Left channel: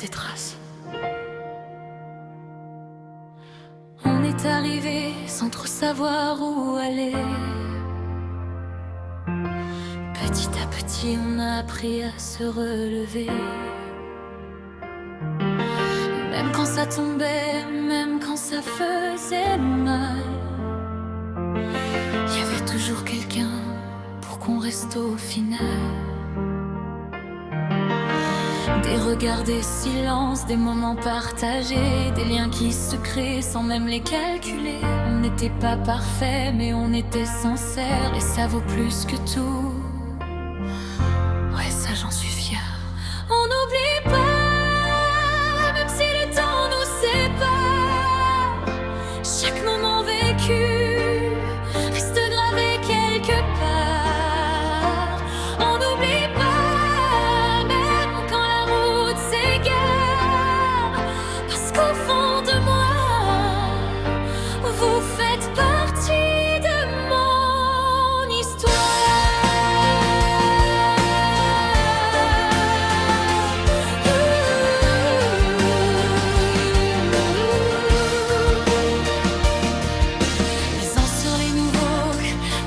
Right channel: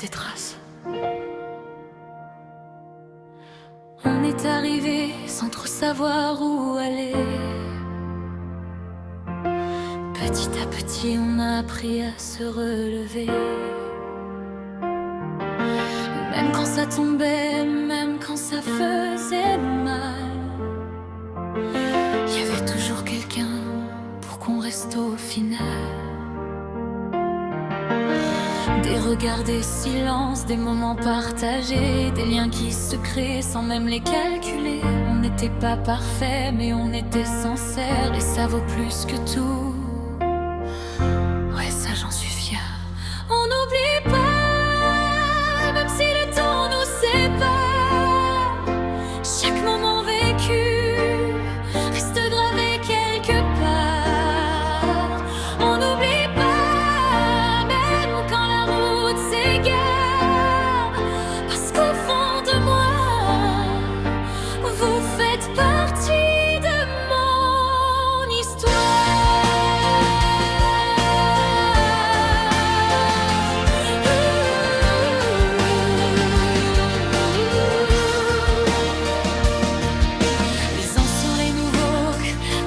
des traces. On est arrivé sans trop savoir où aller. Petit à petit, on a appris à se relever. Même quand ça tombait, même quand ça faisait mal, il y avait toujours quelqu'un pour qu'on reste au final. Des regards, des silences, des moments partagés, des liens qui se créent sans même les calculer. On n'était pas parfait, mais on était sincère, et ça vaut plus que tout. Ouais, ça j'en suis fière. On n'oublie pas, même si le temps nous sépare. Chaque moment vécu reste gravé quelque part. On n'oublie pas, même quand la route s'égare, parce qu'au fond de moi, vous faites partie de mon histoire. Les anciens, les nouveaux,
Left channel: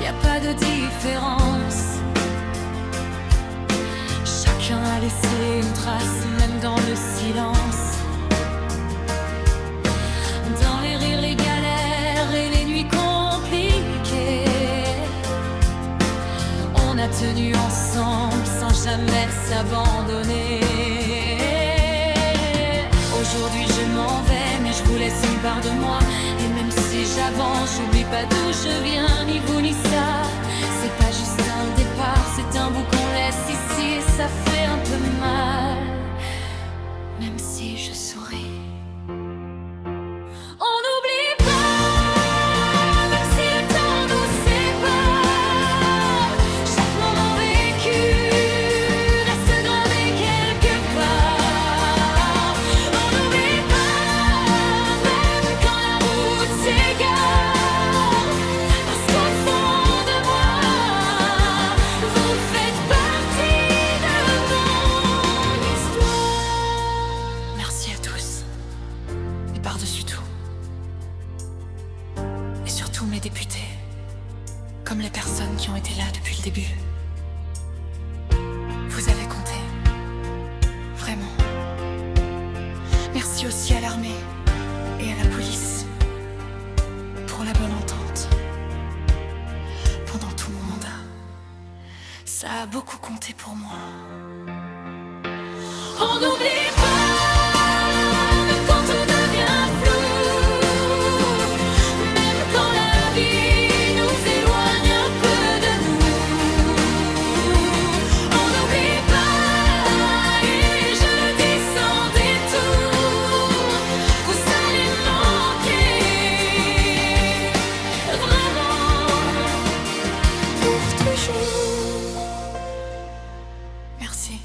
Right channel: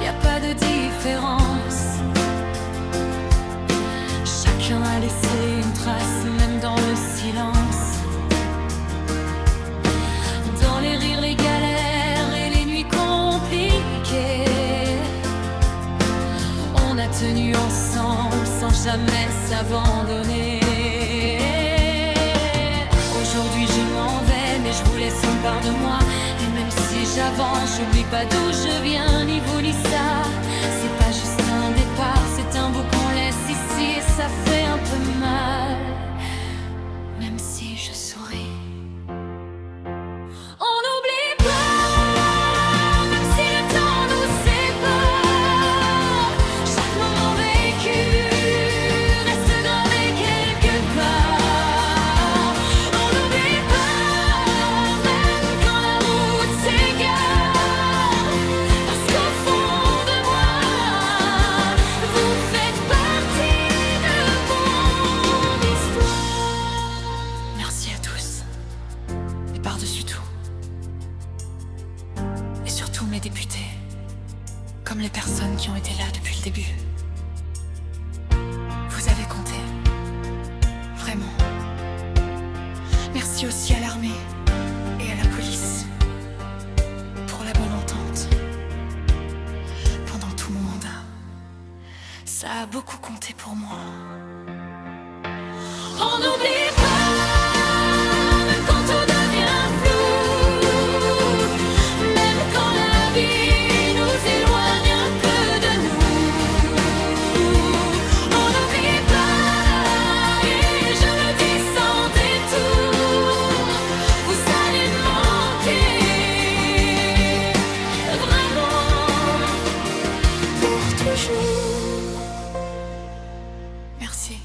y a pas de différence. Chacun a laissé une trace, même dans le silence. Dans les rires, les galères et les nuits compliquées, on a tenu ensemble sans jamais s'abandonner. Aujourd'hui je m'en vais, mais je vous laisse une part de moi. Et même si j'avance, j'oublie pas d'où je viens, ni vous ni ça. C'est pas juste un départ, c'est un bout qu'on laisse ici, et ça fait un peu mal, même si je souris. On n'oublie pas, même si le temps nous sépare. Chaque moment vécu reste gravé quelque part. On n'oublie pas, même quand la route s'égare, parce qu'au fond de moi, vous faites partie de mon histoire. Merci à tous, et par-dessus tout, et surtout mes députés, comme les personnes qui ont été là depuis le début. Vous avez compté, vraiment. Merci aussi à l'armée et à la police pour la bonne entente pendant tout mon mandat. Ça a beaucoup compté pour moi. On n'oublie pas, même quand tout devient flou, même quand la vie nous éloigne un peu de nous. On n'oublie pas, et je le dis sans détour, vous allez manquer, vraiment, pour toujours. Merci.